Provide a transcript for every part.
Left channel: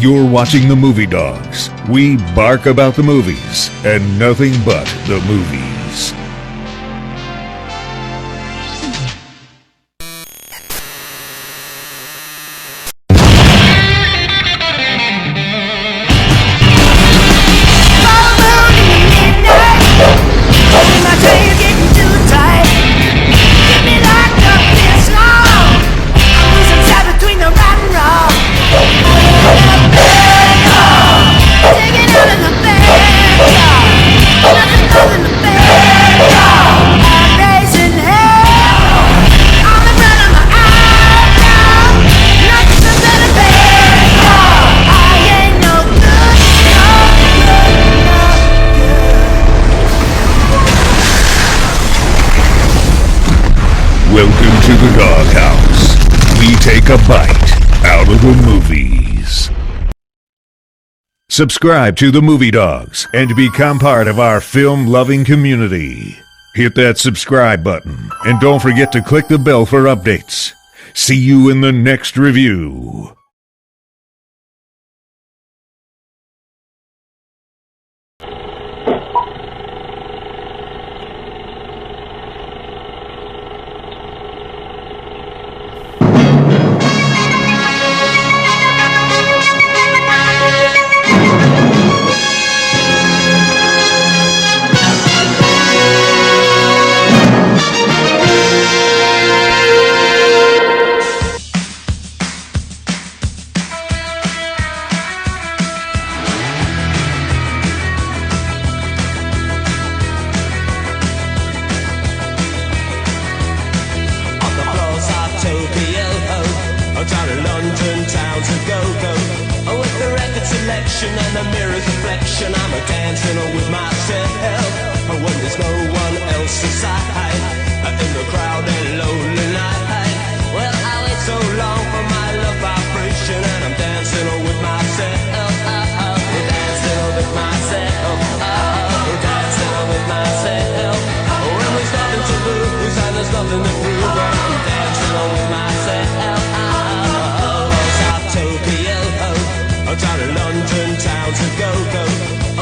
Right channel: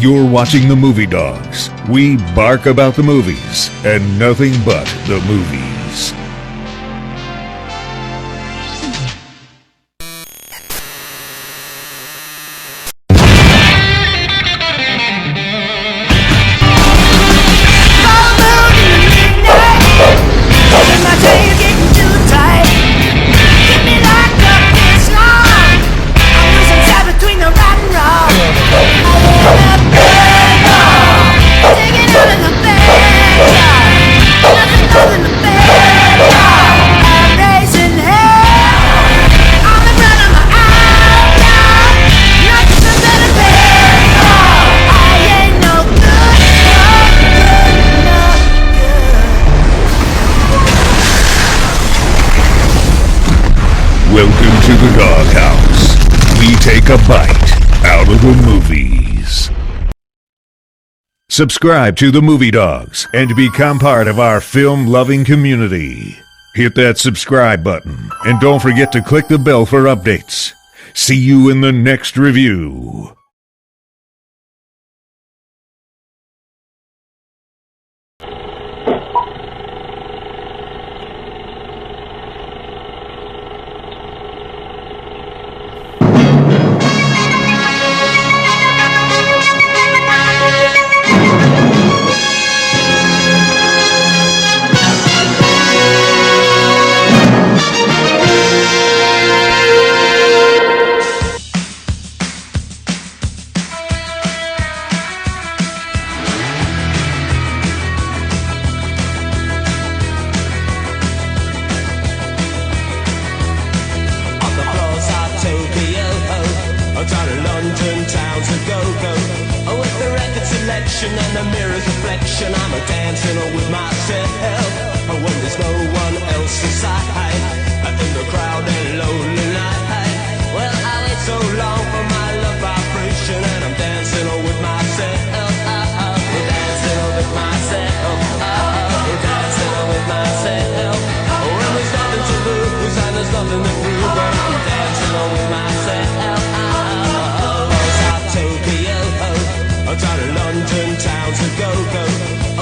You're watching the Movie Dogs. We bark about the movies and nothing but the movies. Welcome to the Doghouse. We take a bite out of the movies. Subscribe to the Movie Dogs and become part of our film-loving community. Hit that subscribe button and don't forget to click the bell for updates. See you in the next review. And the mirror's reflection, I'm a dancing with myself. When there's no one else inside, in the crowd and lonely night. Well, I wait so long for my love vibration, and I'm dancing with myself. We're dancing with myself. We're dancing with myself. When there's nothing to lose and there's nothing to prove, but I'm dancing with myself. Down to London town to go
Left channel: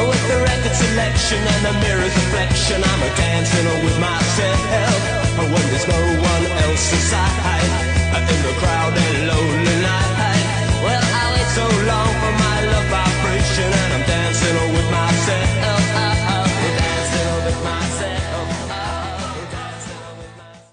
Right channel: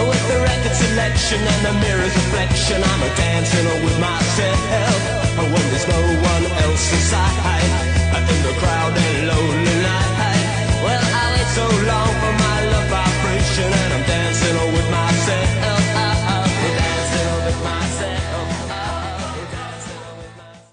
with the record selection and the mirror's reflection, I'm a dancing with myself. When there's no one else inside, in the crowd and lonely night. Well, I wait so long for my love vibration, and I'm dancing with myself. We're dancing with myself. We're dancing with myself.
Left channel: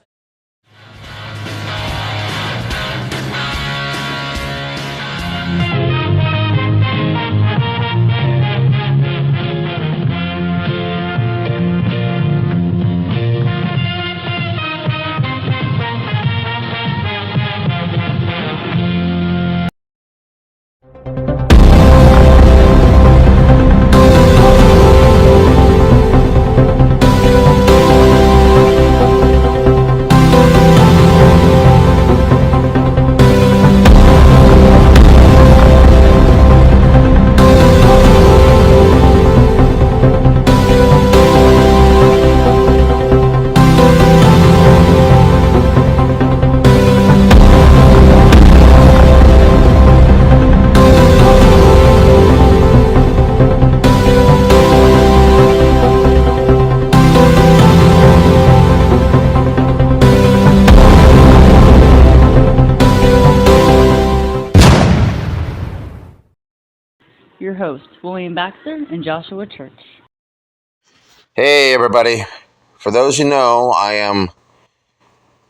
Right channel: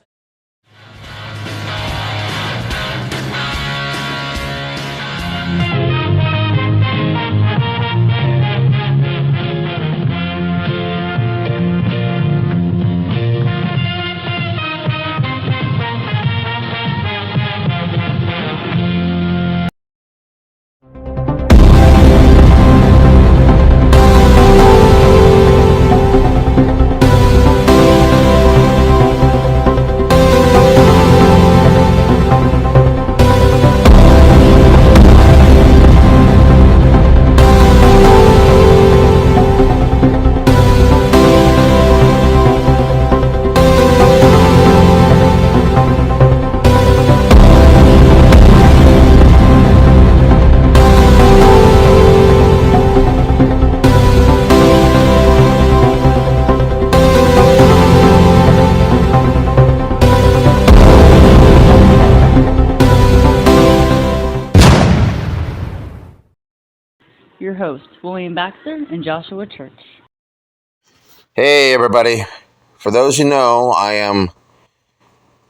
Your hosts, William Baxter and Joshua Church. Hey everybody, for those who know, I am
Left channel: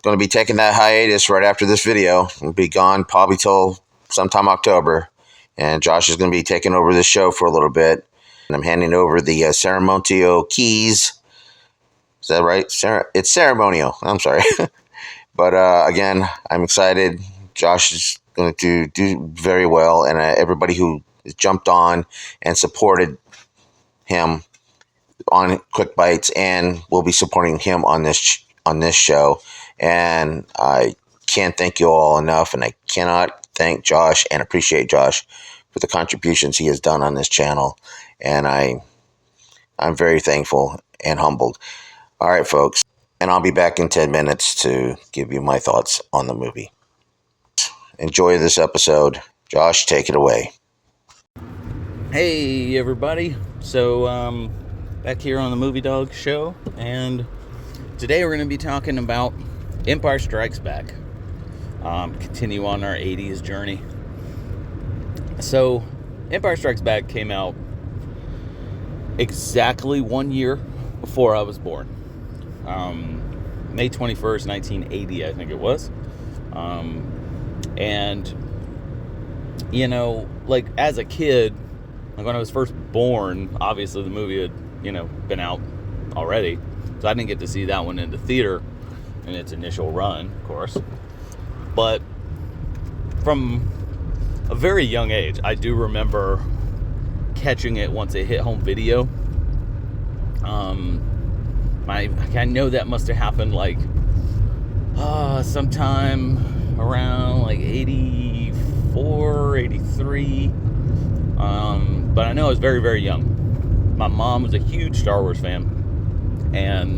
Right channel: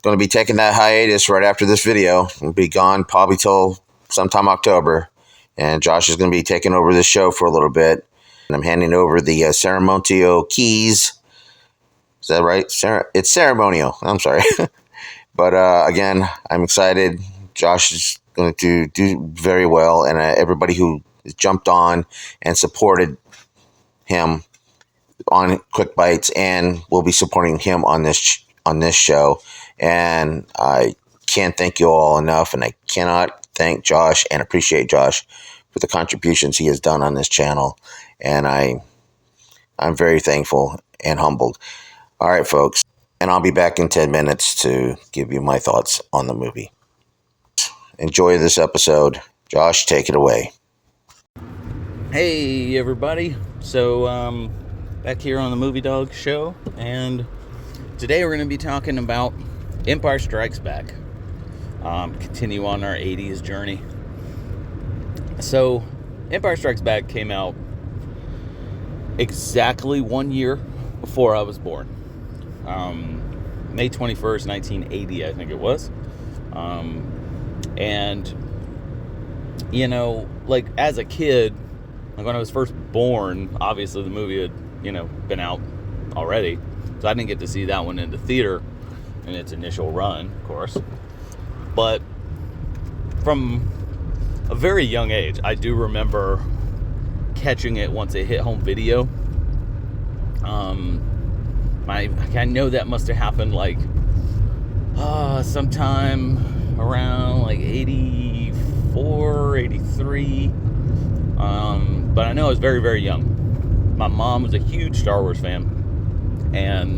going to be taking that hiatus right after this video. I'll be gone probably till sometime October, and Josh is going to be taking over this show for a little bit, and I'm handing over the ceremonial keys. Is that right? It's ceremonial, I'm sorry. But again, I'm excited. Josh is going to do very well, and everybody who jumped on and supported him on Quick Bites and will be supporting him on this show. And I can't thank you all enough, and I cannot thank Josh and appreciate Josh for the contributions he has done on this channel. And I'm very thankful and humbled. All right, folks, and I'll be back in 10 minutes to give you my thoughts on the movie. Enjoy this episode. Josh, take it away. Hey everybody, so back here on the Movie Dog show, and today we're going to be talking about Empire Strikes Back. Continue on our 80s journey. So Empire Strikes Back came out exactly 1 year before I was born. May 21st, 1980, I think it was. And you know, like as a kid, like when I was first born, obviously the movie had, been out already. So I didn't get to see that one in the theater in its initial run, of course. But from a very young age, I do remember catching it once it hit home video. I know that must have happened like sometime around like 84, 83. But I know I was very, very young. My mom was a huge Star Wars fan, and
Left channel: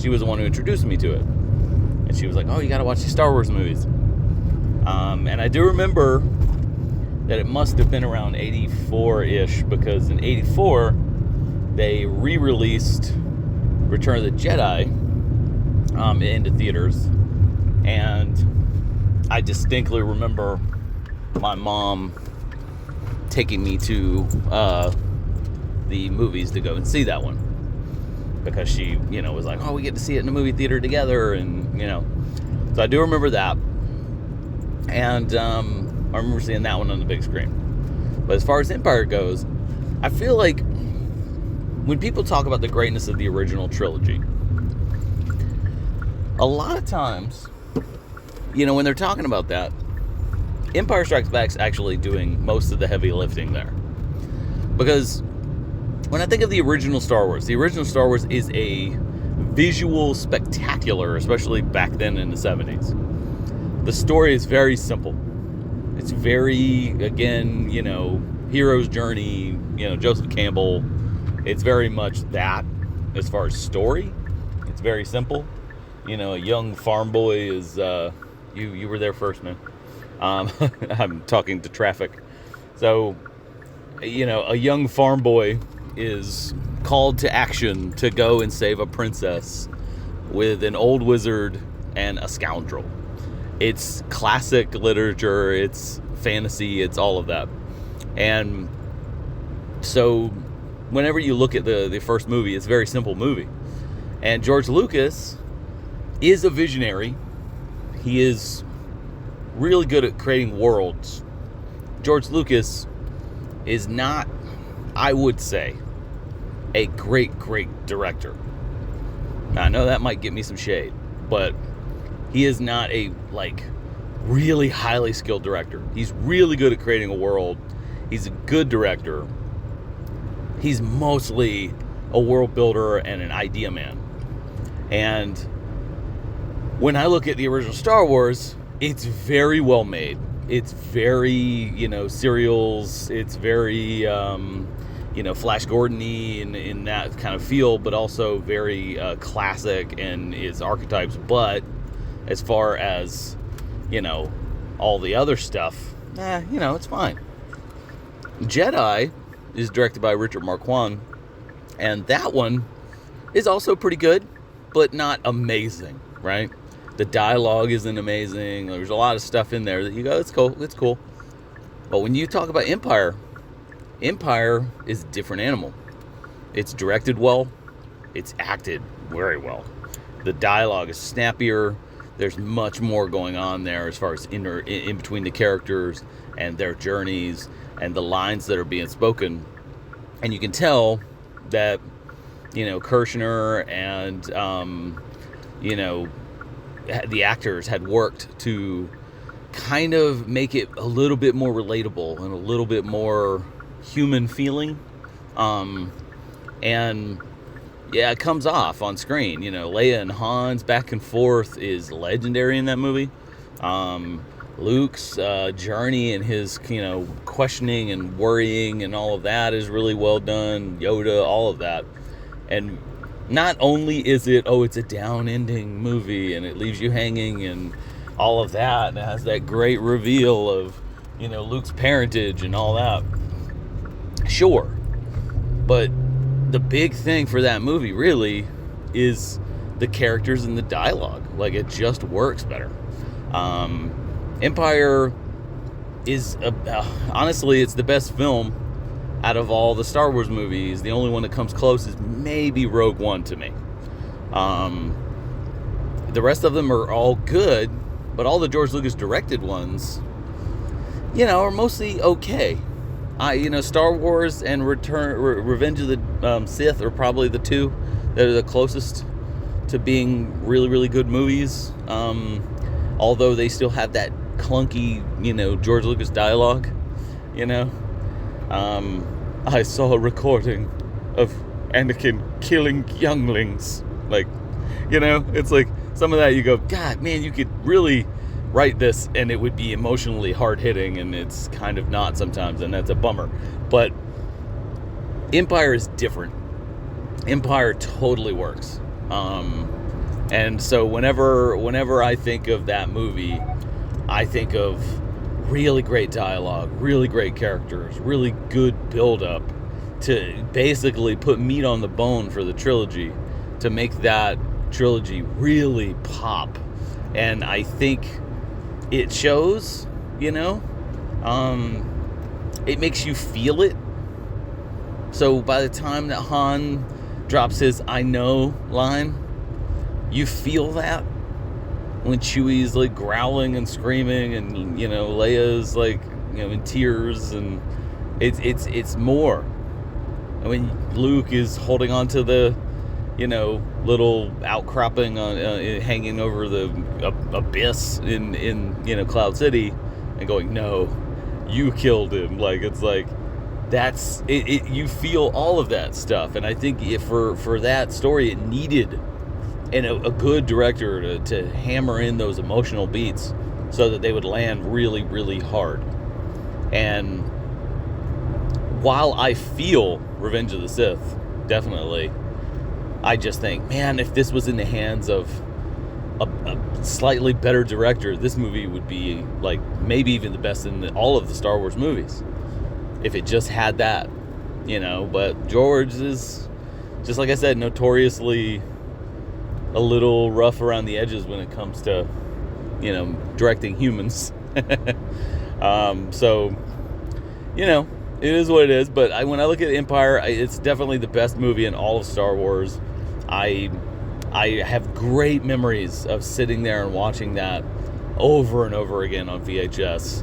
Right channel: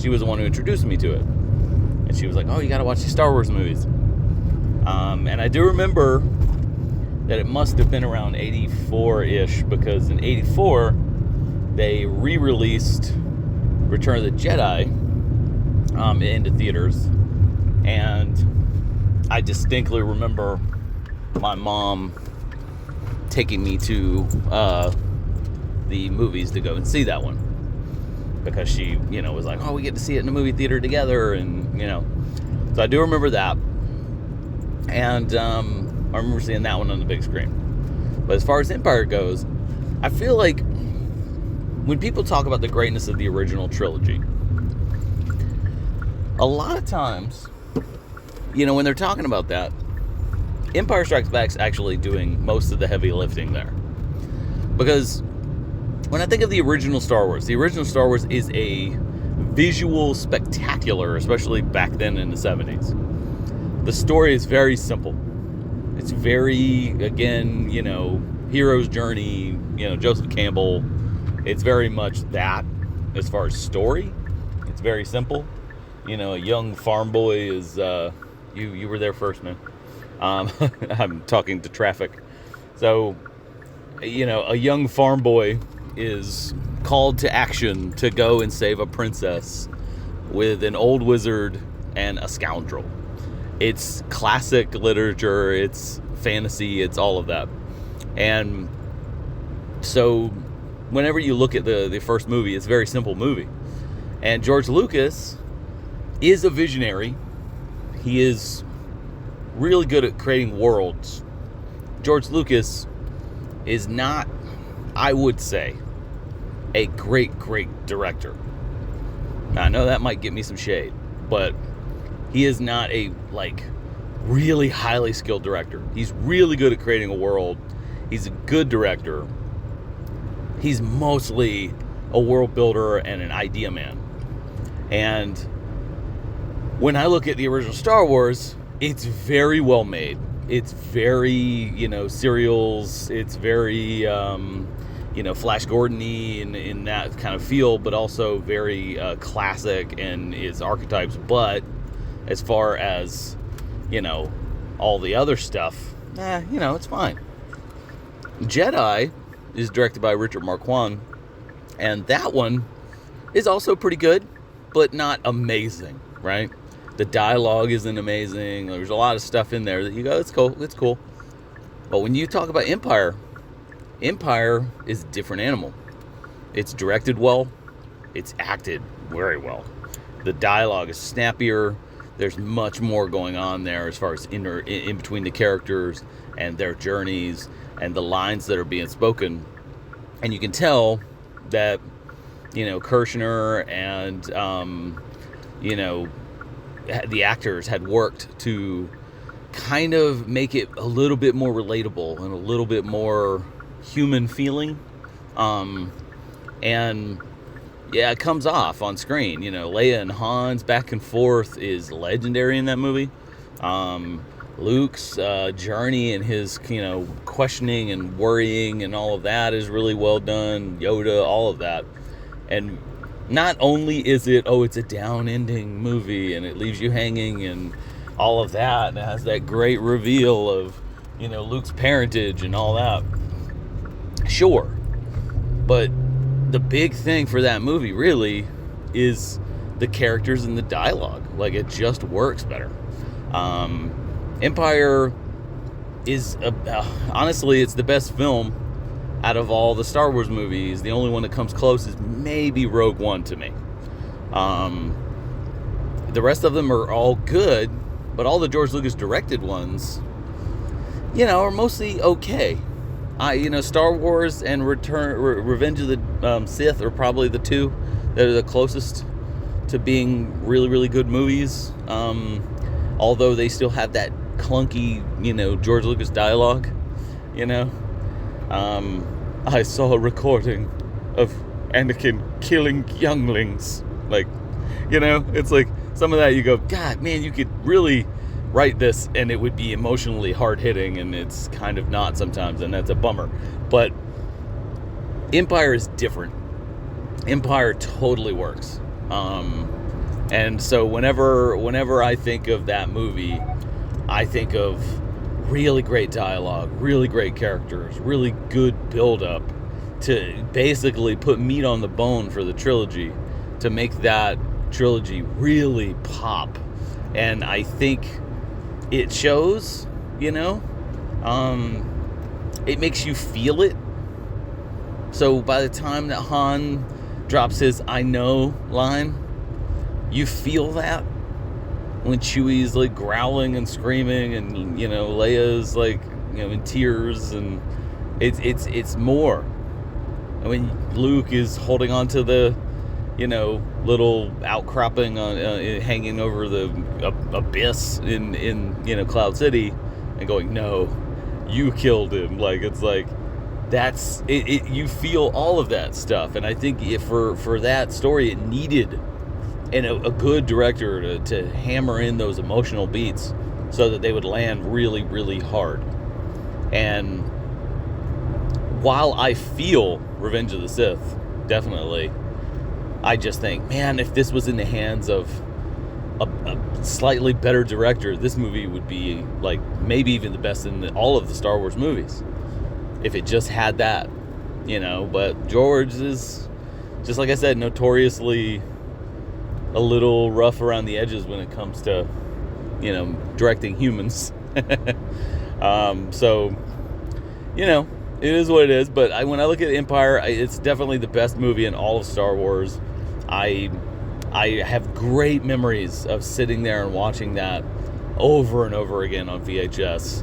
she was the one who introduced me to it. And she was like, "Oh, you gotta watch these Star Wars movies." And I do remember that it must have been around 84-ish, because in 84 they re-released Return of the Jedi into theaters, and I distinctly remember my mom taking me to the movies to go and see that one, because she, was like, "Oh, we get to see it in the movie theater together," and so I do remember that, and I remember seeing that one on the big screen. But as far as Empire goes, I feel like when people talk about the greatness of the original trilogy, a lot of times, when they're talking about that, Empire Strikes Back's actually doing most of the heavy lifting there. Because when I think of the original Star Wars is a visual spectacular, especially back then in the 70s. The story is very simple. It's very, again, hero's journey, Joseph Campbell. It's very much that as far as story. It's very simple. A young farm boy is, you were there first, man. I'm talking to traffic. So, a young farm boy is called to action to go and save a princess with an old wizard and a scoundrel. It's classic literature, it's fantasy, it's all of that. And so whenever you look at the first movie, it's a very simple movie. And George Lucas is a visionary. He is really good at creating worlds. George Lucas is not, I would say, a great director. Now, I know that might get me some shade, but he is not a really highly skilled director. He's really good at creating a world. He's a good director. He's mostly a world builder and an idea man. And when I look at the original Star Wars, it's very well made. It's very, serials. It's very, Flash Gordon-y in that kind of feel, but also very classic in its archetypes. But as far as, all the other stuff, it's fine. Jedi is directed by Richard Marquand, and that one is also pretty good, but not amazing, right? The dialogue isn't amazing. There's a lot of stuff in there that you go, it's cool. But when you talk about Empire is a different animal. It's directed well. It's acted very well. The dialogue is snappier. There's much more going on there as far as in between the characters and their journeys and the lines that are being spoken. And you can tell that, Kirshner and, the actors had worked to kind of make it a little bit more relatable and a little bit more human feeling. And yeah, it comes off on screen. Leia and Han's back and forth is legendary in that movie. Luke's journey and his, questioning and worrying and all of that is really well done. Yoda, all of that. And not only is it, it's a down ending movie and it leaves you hanging and all of that, and it has that great reveal of, Luke's parentage and all that. Sure. But the big thing for that movie really is the characters and the dialogue. Like, it just works better. Empire is, honestly, it's the best film out of all the Star Wars movies. The only one that comes close is maybe Rogue One to me. The rest of them are all good, but all the George Lucas directed ones, are mostly okay. Star Wars and Revenge of the Sith are probably the two that are the closest to being really, really good movies. Although they still have that clunky, George Lucas dialogue. I saw a recording of Anakin killing younglings. Like, it's like some of that you go, God, man, you could really write this and it would be emotionally hard-hitting, and it's kind of not sometimes, and that's a bummer. But Empire is different. Empire totally works. And so whenever I think of that movie, I think of really great dialogue, really great characters, really good build-up to basically put meat on the bone for the trilogy, to make that trilogy really pop. And I think it shows, it makes you feel it. So by the time that Han drops his "I know" line, you feel that. When Chewie's like growling and screaming, and Leia's like in tears, and it's more. I mean, Luke is holding on to the little outcropping on hanging over the abyss in Cloud City, and going, "No, you killed him." Like, it's like that's it. You feel all of that stuff, and I think for that story, it needed a good director to hammer in those emotional beats so that they would land really, really hard. And while I feel Revenge of the Sith, definitely, I just think, man, if this was in the hands of a slightly better director, this movie would be like maybe even the best in all of the Star Wars movies. If it just had that, But George is, just like I said, notoriously a little rough around the edges when it comes to, directing humans. So, it is what it is. But when I look at Empire, it's definitely the best movie in all of Star Wars. I have great memories of sitting there and watching that over and over again on VHS.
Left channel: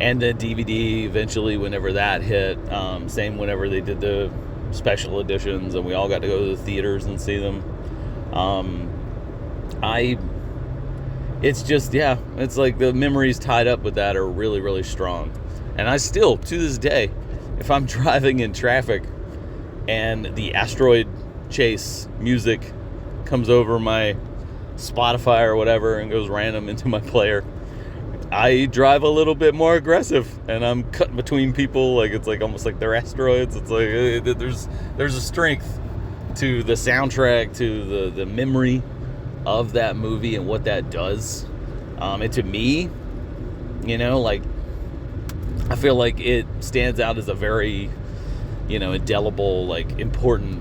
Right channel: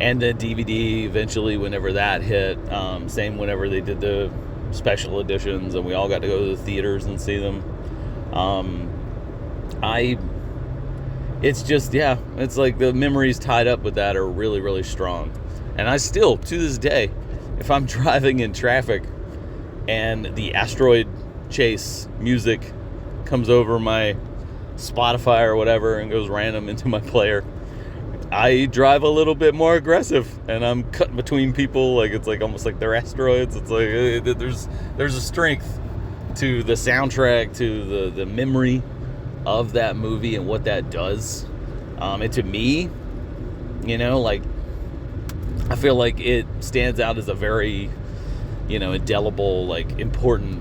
And the DVD eventually, whenever that hit. Same whenever they did the special editions and we all got to go to the theaters and see them. It's just, it's like the memories tied up with that are really, really strong. And I still, to this day, if I'm driving in traffic and the asteroid chase music comes over my Spotify or whatever and goes random into my player, I drive a little bit more aggressive, and I'm cutting between people. Like, it's like almost like they're asteroids. It's like there's a strength to the soundtrack, to the memory of that movie and what that does. And to me, like, I feel like it stands out as a very, indelible, like, important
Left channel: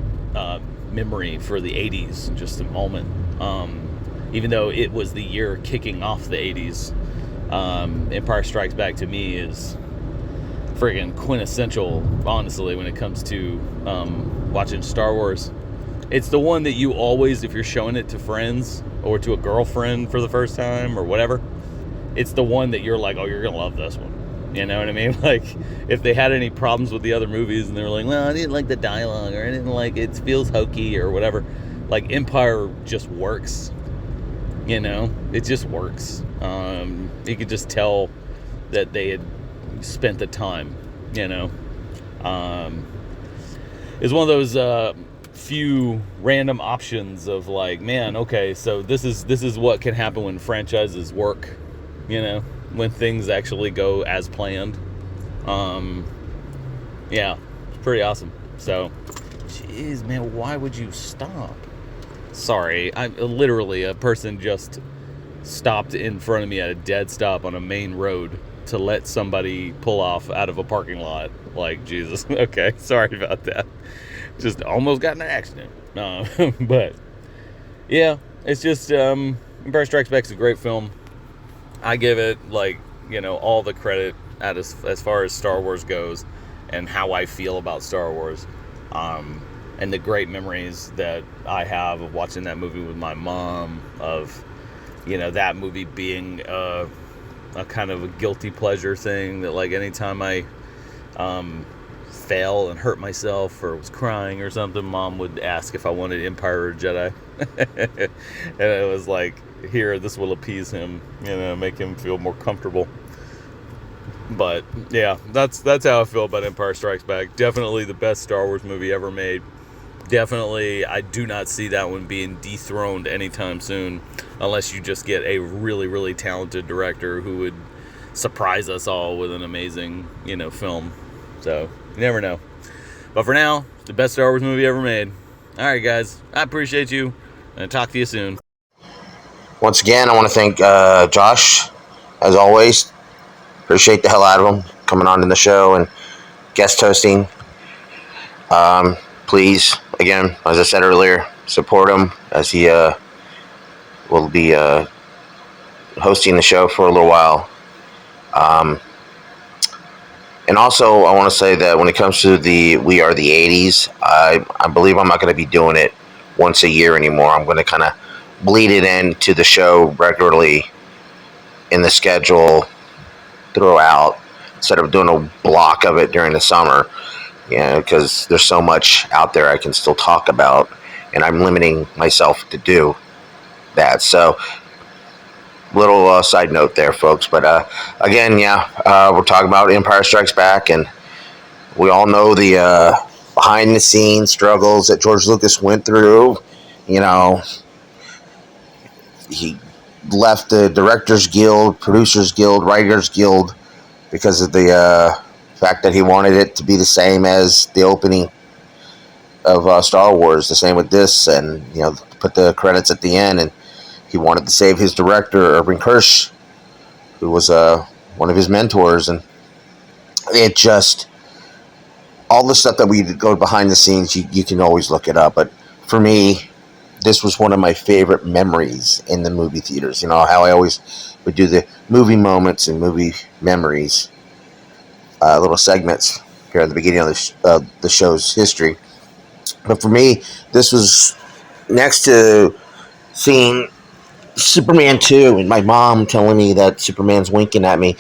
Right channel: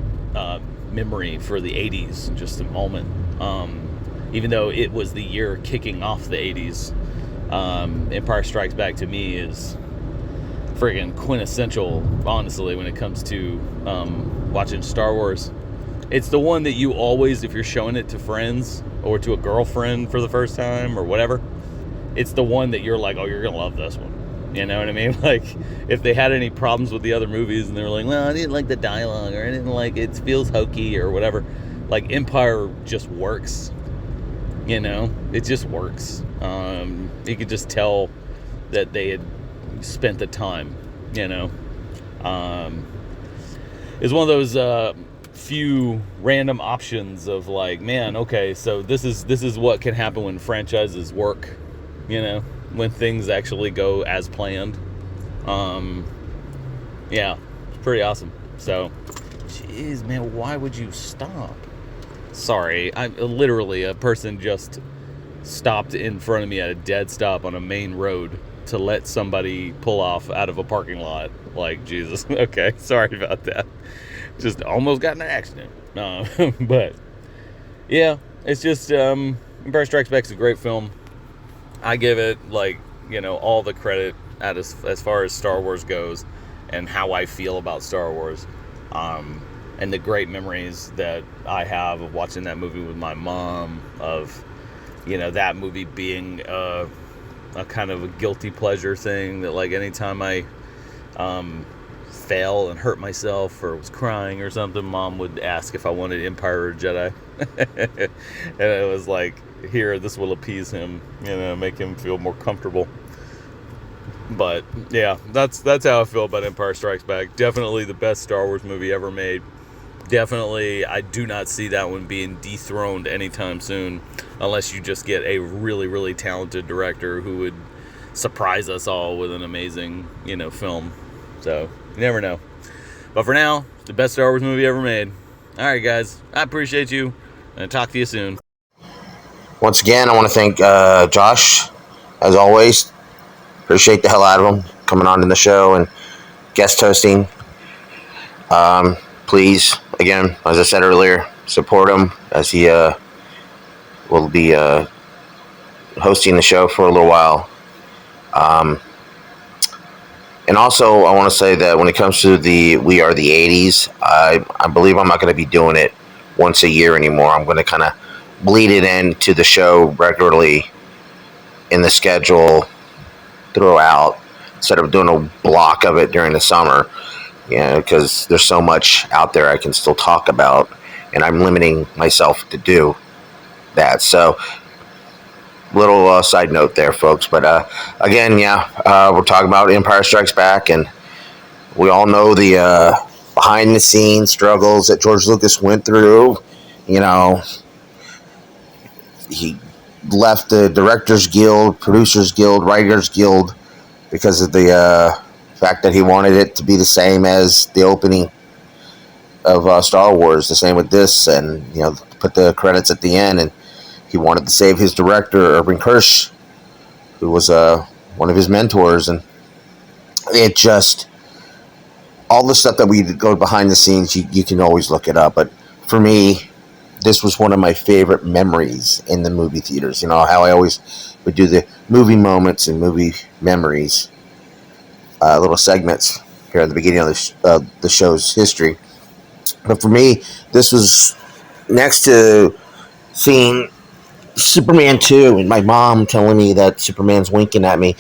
memory for the 80s, just a moment. Even though it was the year kicking off the 80s, Empire Strikes Back to me is friggin' quintessential, honestly, when it comes to watching Star Wars. It's the one that you always, if you're showing it to friends or to a girlfriend for the first time or whatever, it's the one that you're like, oh, you're gonna love this one. You know what I mean? Like, if they had any problems with the other movies and they were like, well, I didn't like the dialogue, or I didn't like it feels hokey or whatever, like, Empire just works. It just works. You could just tell that they had spent the time. It's one of those few random options of like, man, okay, so this is what can happen when franchises work. When things actually go as planned. It's pretty awesome. So, jeez, man, why would you stop? Sorry, I'm literally a person just stopped in front of me at a dead stop on a main road to let somebody pull off out of a parking lot. Like, Jesus. Okay, sorry about that. Just almost got in an accident. But yeah, it's just Empire Strikes Back is a great film. I give it, like, all the credit as far as Star Wars goes and how I feel about Star Wars, and the great memories that I have of watching that movie with my mom, of that movie being a kind of a guilty pleasure thing, that like anytime I fell and hurt myself or was crying or something, Mom would ask if I wanted Empire or Jedi. And it was like, here, this will appease him, make him feel more comfortable. But yeah, that's how I feel about Empire Strikes Back. Definitely the best Star Wars movie ever made. Definitely, I do not see that one being dethroned anytime soon, unless you just get a really, really talented director who would surprise us all with an amazing, film. So, you never know. But for now, the best Star Wars movie ever made. Alright, guys, I appreciate you, and I'll talk to you soon. Once again, I want to thank Josh, as always. Appreciate the hell out of him coming on in the show and guest hosting. Please, again, as I said earlier, support him as he will be hosting the show for a little while. And also, I want to say that when it comes to the We Are the 80s, I believe I'm not going to be doing it once a year anymore. I'm going to kind of bleed it into the show regularly in the schedule throughout, instead of doing a block of it during the summer, because there's so much out there I can still talk about, and I'm limiting myself to do that. So, little side note there, folks. But again, we're talking about Empire Strikes Back, and we all know the behind the scenes struggles that George Lucas went through. He left the Directors Guild, Producers Guild, Writers Guild because of the fact that he wanted it to be the same as the opening of Star Wars, the same with this, and put the credits at the end. And he wanted to save his director, Irving Kirsch, who was one of his mentors. And it just, all the stuff that we go behind the scenes, you can always look it up. But for me, this was one of my favorite memories in the movie theaters. How I always would do the movie moments and movie memories, little segments here at the beginning of the show's history. But for me, this was next to seeing Superman 2 and my mom telling me that Superman's winking at me.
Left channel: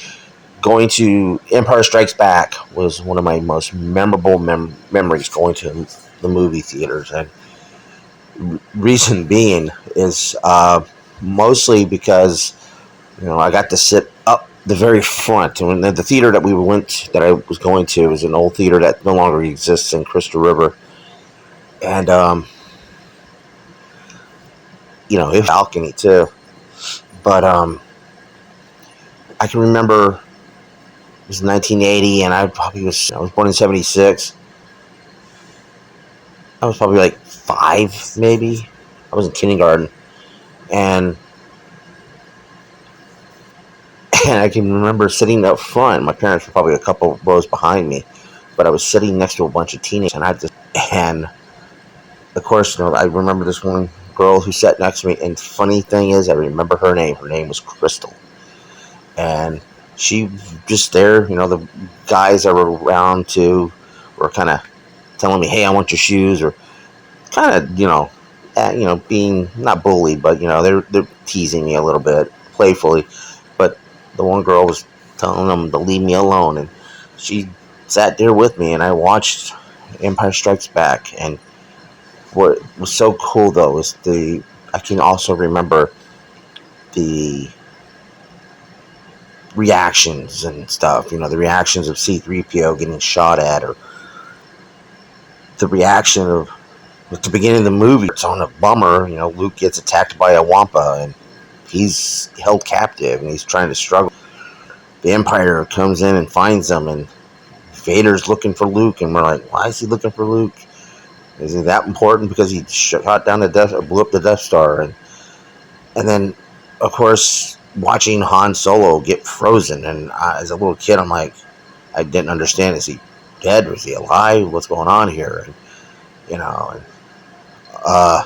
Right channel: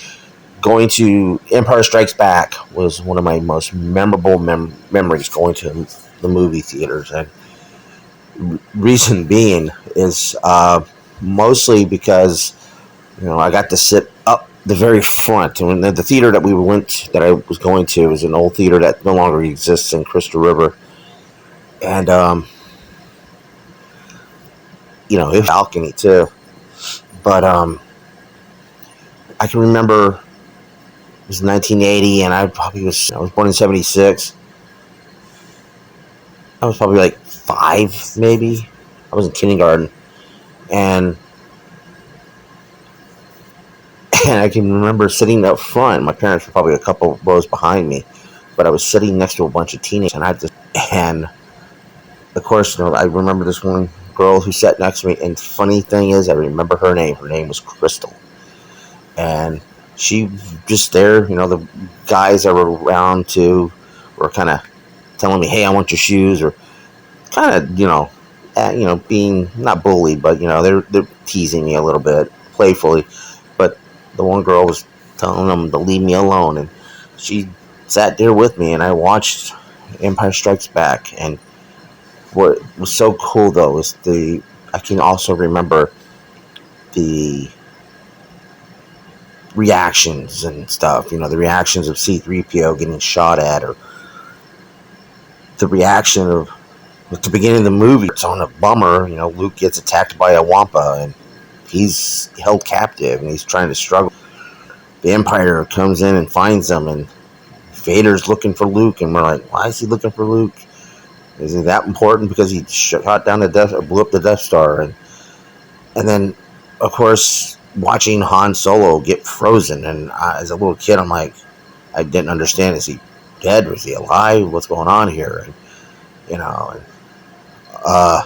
Going to Empire Strikes Back was one of my most memorable memories, going to the movie theaters. And reason being is mostly because I got to sit up the very front. And the theater that I was going to was an old theater that no longer exists in Crystal River. And it was a balcony too. But I can remember it was 1980, and I was born in 76. I was probably like 5, maybe. I was in kindergarten. And I can remember sitting up front. My parents were probably a couple rows behind me, but I was sitting next to a bunch of teenagers, and of course, I remember this one girl who sat next to me, and funny thing is, I remember her name. Her name was Crystal. And she was just there, the guys that were around too were kind of telling me, hey, I want your shoes, or kind of, being not bullied, but, they're teasing me a little bit, playfully. But the one girl was telling them to leave me alone, and she sat there with me, and I watched Empire Strikes Back. And what was so cool, though, is I can also remember the reactions and stuff, the reactions of C-3PO getting shot at, or the reaction of, at the beginning of the movie, it's on a bummer, Luke gets attacked by a Wampa, and he's held captive, and he's trying to struggle. The Empire comes in and finds him, and Vader's looking for Luke, and we're like, why is he looking for Luke? Is he that important because he shot down blew up the Death Star? And then of course, watching Han Solo get frozen, and as a little kid, I'm like, I didn't understand. Is he dead? Was he alive? What's going on here? And, you know, uh,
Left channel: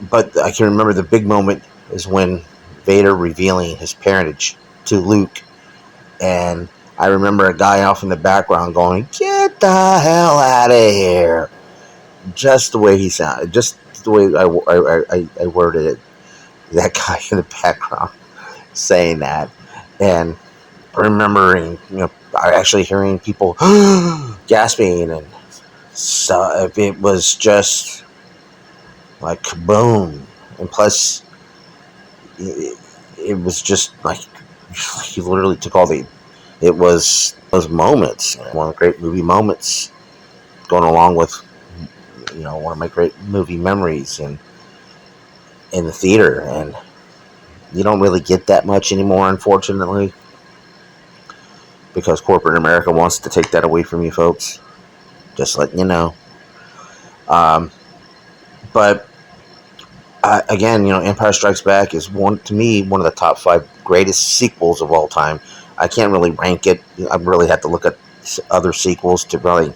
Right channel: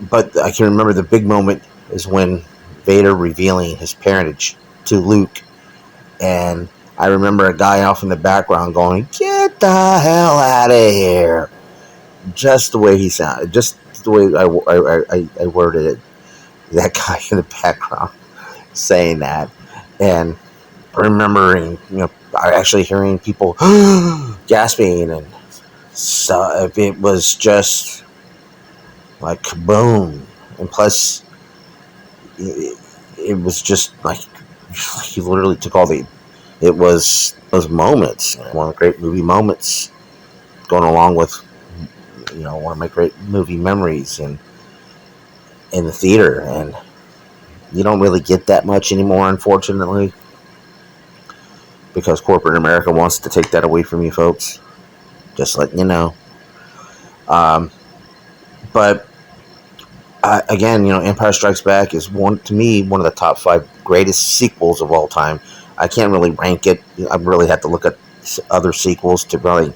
but I can remember the big moment is when Vader revealing his parentage to Luke, and I remember a guy off in the background going, "Get the hell out of here!" Just the way he sounded, just the way I worded it. That guy in the background saying that, and remembering, actually hearing people gasping, and so it was just like kaboom. And plus, it was just like he literally took all the. It was those moments, one of the great movie moments, going along with one of my great movie memories in the theater, and you don't really get that much anymore, unfortunately, because corporate America wants to take that away from you folks. Just letting you know. But again, Empire Strikes Back is to me one of the top 5 greatest sequels of all time. I can't really rank it. I really have to look at other sequels to really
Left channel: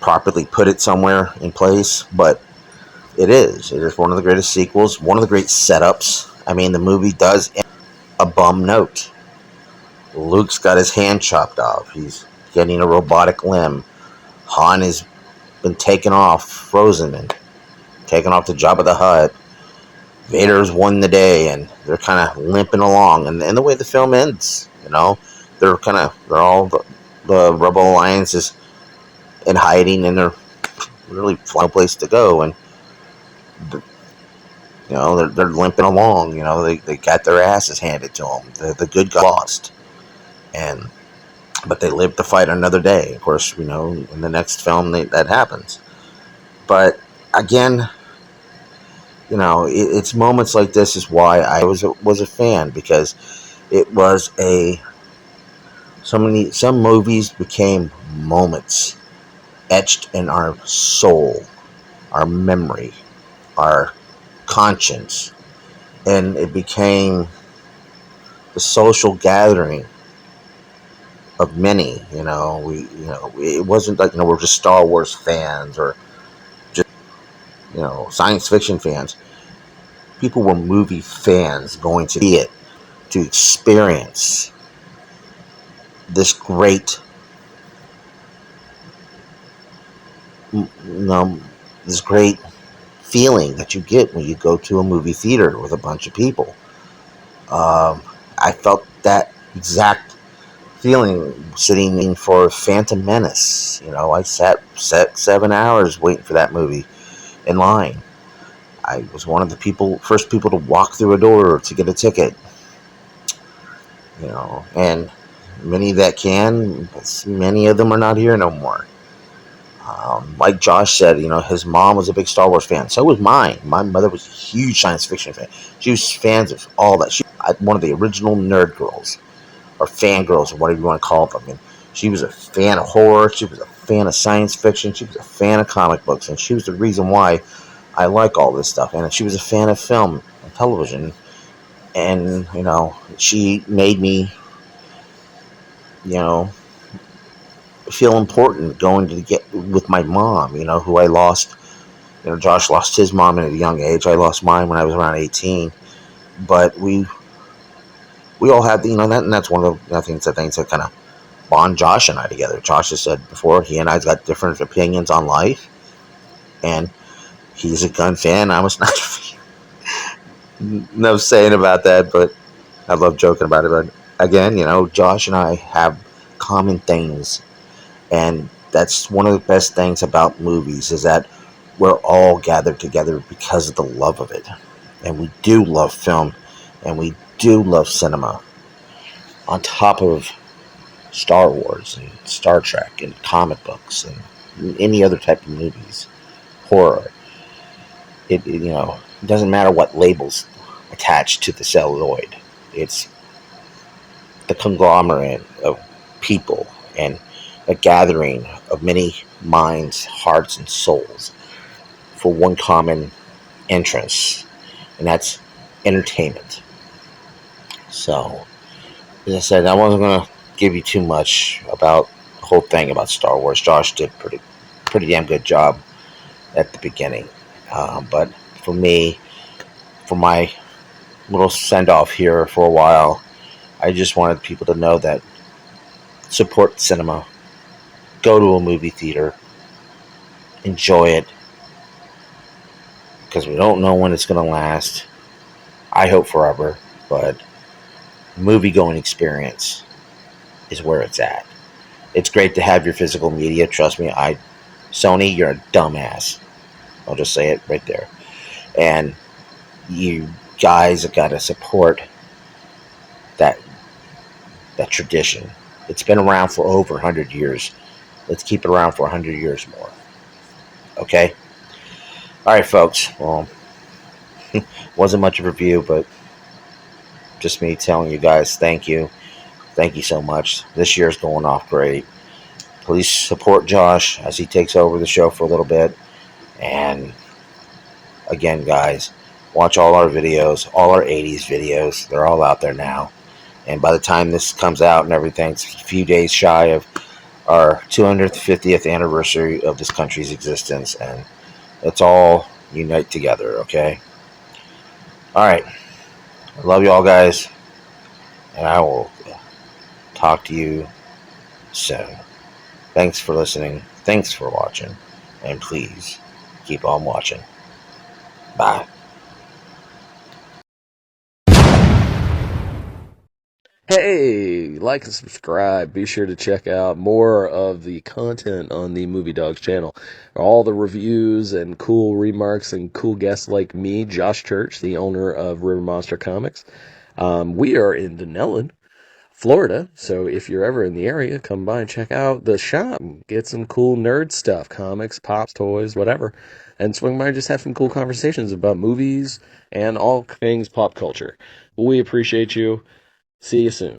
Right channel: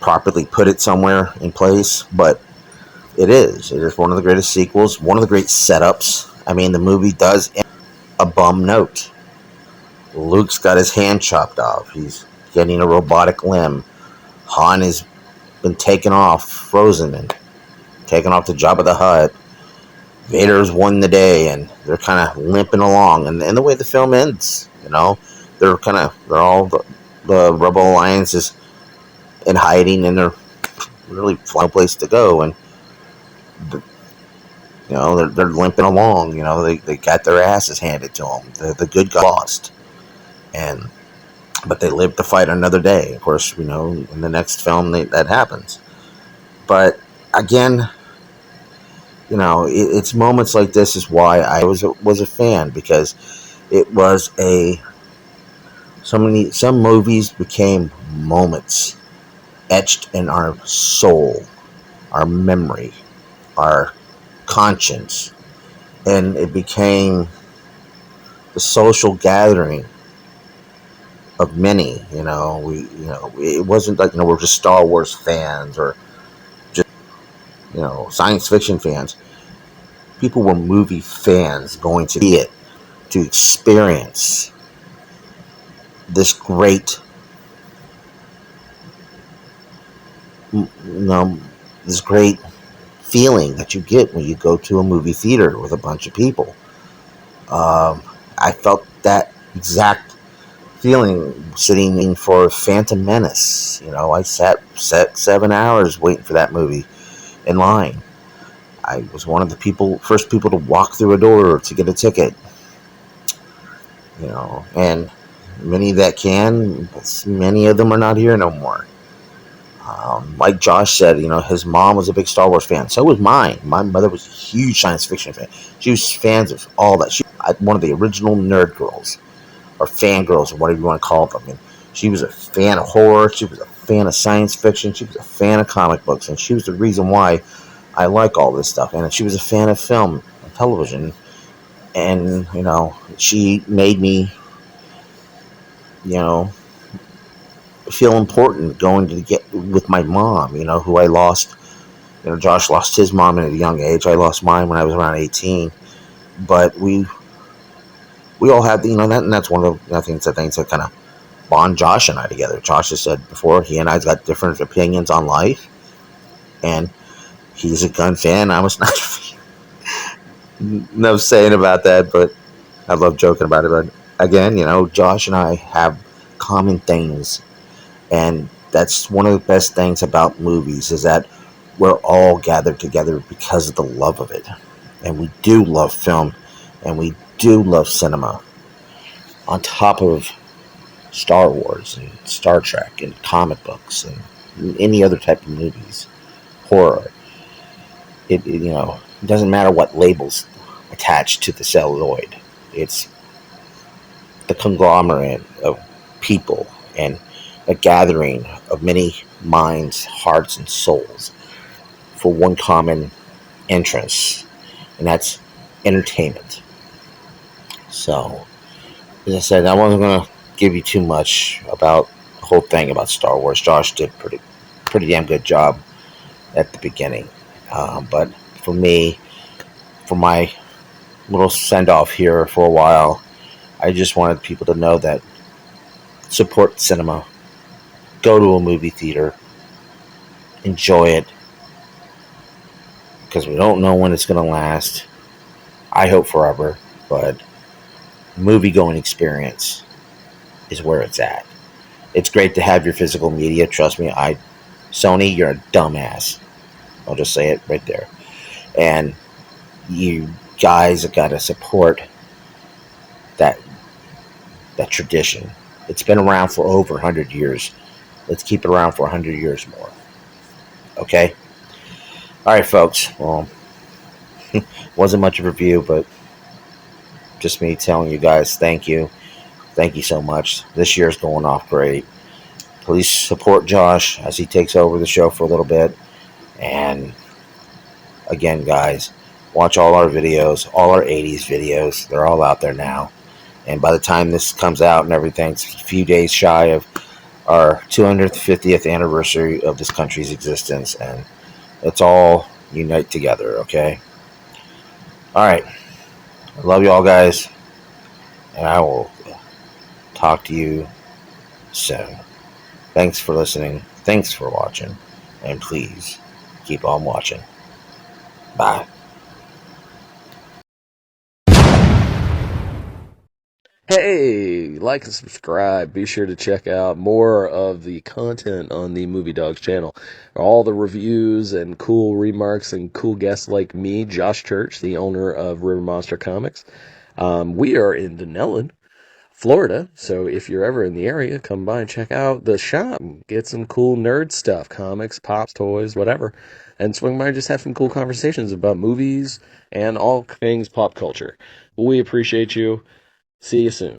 properly put it somewhere in place. But it is one of the greatest sequels. One of the great setups. I mean, the movie does end a bum note. Luke's got his hand chopped off. He's getting a robotic limb. Han has been taken off, frozen, and taken off to Jabba the Hutt. Vader's won the day, and they're kind of limping along. And the way the film ends, they're all the Rebel Alliance is in hiding, and they're really no place to go. And they're limping along. They got their asses handed to them. The good got lost, but they live to fight another day. Of course, in the next film that happens. But again, it's moments like this is why I was a fan, because it was some movies became moments etched in our soul, our memory, our conscience, and it became the social gathering of many. It wasn't like we're just Star Wars fans or just science fiction fans. People were movie fans going to see it, to experience this great, this great feeling that you get when you go to a movie theater with a bunch of people. I felt that exact feeling sitting in for Phantom Menace. I sat 7 hours waiting for that movie in line. I was one of the first people to walk through a door to get a ticket. And many that can, many of them are not here no more. Like Josh said, his mom was a big Star Wars fan. So was mine. My mother was a huge science fiction fan. She was fans of all that. She was one of the original nerd girls, or fangirls, or whatever you want to call them. And she was a fan of horror. She was a fan of science fiction. She was a fan of comic books. And she was the reason why I like all this stuff. And she was a fan of film and television. And, she made me, feel important going to get with my mom, who I lost. Josh lost his mom at a young age. I lost mine when I was around 18. But we all had, and that's one of the things that kind of bond Josh and I together. Josh has said before, he and I's got different opinions on life. And he's a gun fan. I was not a fan. No saying about that, but I love joking about it. But again, Josh and I have common things. And that's one of the best things about movies, is that we're all gathered together because of the love of it. And we do love film, and we do love cinema. On top of Star Wars and Star Trek and comic books and any other type of movies, horror. It doesn't matter what labels attached to the celluloid. It's the conglomerate of people and a gathering of many minds, hearts, and souls for one common interest, and that's entertainment. So, as I said, I wasn't going to give you too much about the whole thing about Star Wars. Josh did pretty damn good job at the beginning. But for me, for my little send-off here for a while, I just wanted people to know that support cinema. Go to a movie theater. Enjoy it. Because we don't know when it's going to last. I hope forever. But movie-going experience is where it's at. It's great to have your physical media. Trust me, Sony, you're a dumbass. I'll just say it right there. And you guys have got to support that tradition. It's been around for over 100 years. Let's keep it around for 100 years more. Okay? All right, folks. Well, wasn't much of a review, but just me telling you guys thank you. Thank you so much. This year's going off great. Please support Josh as he takes over the show for a little bit. And again, guys, watch all our videos, all our 80s videos. They're all out there now. And by the time this comes out and everything, it's a few days shy of our 250th anniversary of this country's existence. And let's all unite together, okay? All right. I love you all, guys. And I will talk to you soon. Thanks for listening. Thanks for watching. And please keep on watching. Bye. Hey, like and subscribe. Be sure to check out more of the content on the Movie Dawgs channel. All the reviews and cool remarks and cool guests like me, Josh Church, the owner of River Monster Comics. We are in Denellen, Florida, so if you're ever in the area, come by and check out the shop. Get some cool nerd stuff, comics, pops, toys, whatever. And swing by and just have some cool conversations about movies and all things pop culture. We appreciate you. See you soon.